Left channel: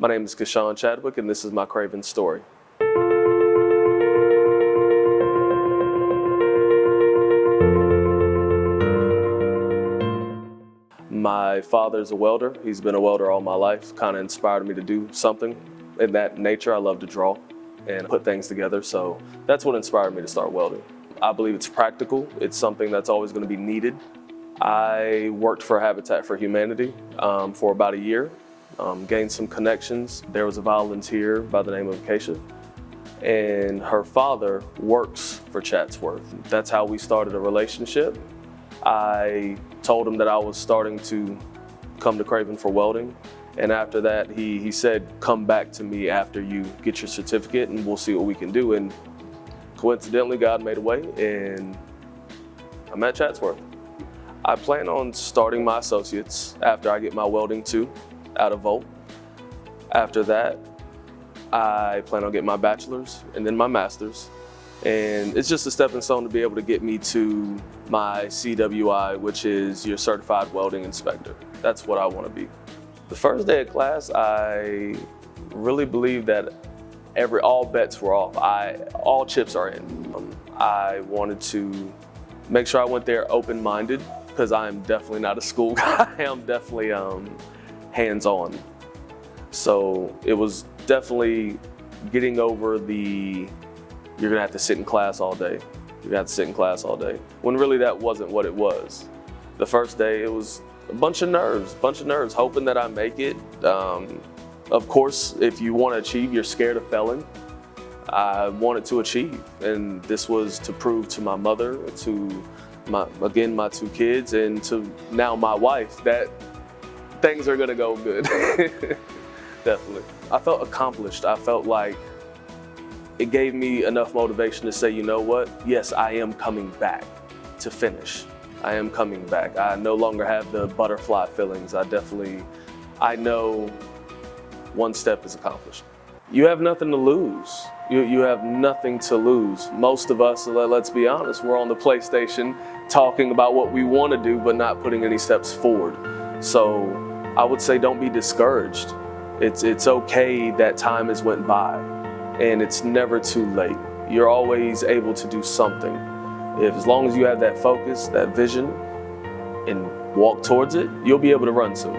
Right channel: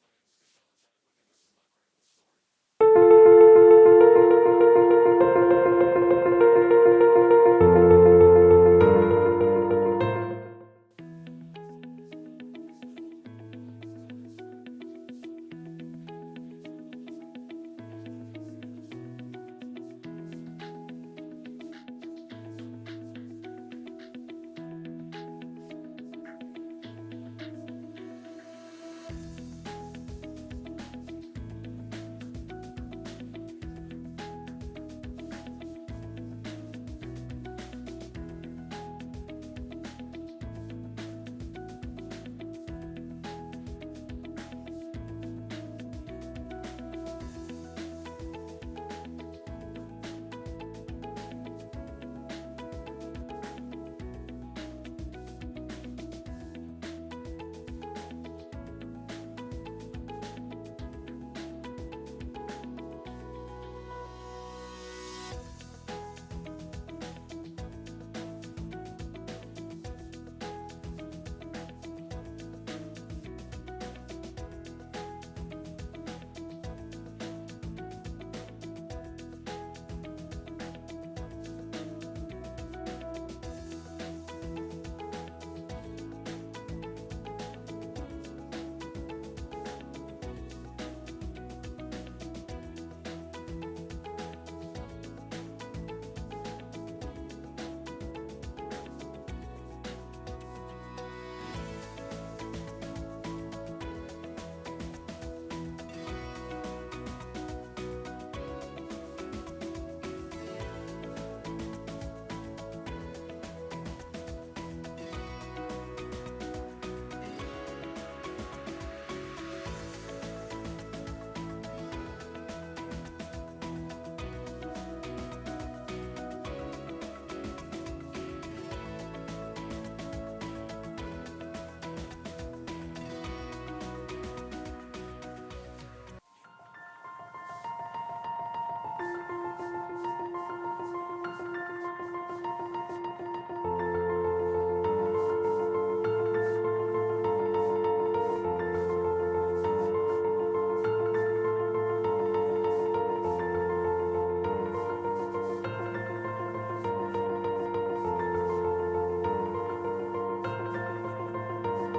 My name is Kishaun Chadwick, and this is my Craven story. My father's a welder. He's been a welder all my life, kind of inspired me to do something in that nature. I love to draw and put things together, so that's what inspired me to start welding. I believe it's practical. It's something that's always going to be needed. I worked for Habitat for Humanity for about a year, gained some connections. There was a volunteer by the name of Kishaun, and her father works for Chatsworth. That's how we started a relationship. I told him that I was starting to come to Craven for welding, and after that he said, come back to me after you get your certificate and we'll see what we can do. And coincidentally, God made a way and I'm at Chatsworth. I plan on starting my associates after I get my welding 2 out of Volt. After that, I plan on getting my bachelor's and then my master's. And it's just a stepping stone to be able to get me to my CWI, which is your Certified Welding Inspector. That's what I want to be. The first day of class, I really believe that all bets were off. All chips are in. I wanted to make sure I went there open-minded, because I'm definitely not a school guy. I'm definitely hands-on. So it was definitely getting over the, you're gonna have to sit in class all day. You're gonna have to sit in class all day. When really that wasn't what it was. The first day, it was a bunch of nerves, hoping that I make it. Of course, if you want to achieve, you're scared of failing. I wanted to achieve, and this was to prove to my mother, to my 2 kids, and to now my wife that things are gonna go good. Definitely. I felt accomplished. I felt like it gave me enough motivation to say, you know what? Yes, I am coming back to finish. I am coming back. I no longer have the butterfly feelings. I know one step is accomplished. You have nothing to lose. You have nothing to lose. Most of us, let's be honest, we're on the PlayStation talking about what we want to do, but not putting any steps forward. So I would say don't be discouraged. It's okay that time has went by, and it's never too late. You're always able to do something. As long as you have that focus, that vision, and walk towards it, you'll be able to run soon.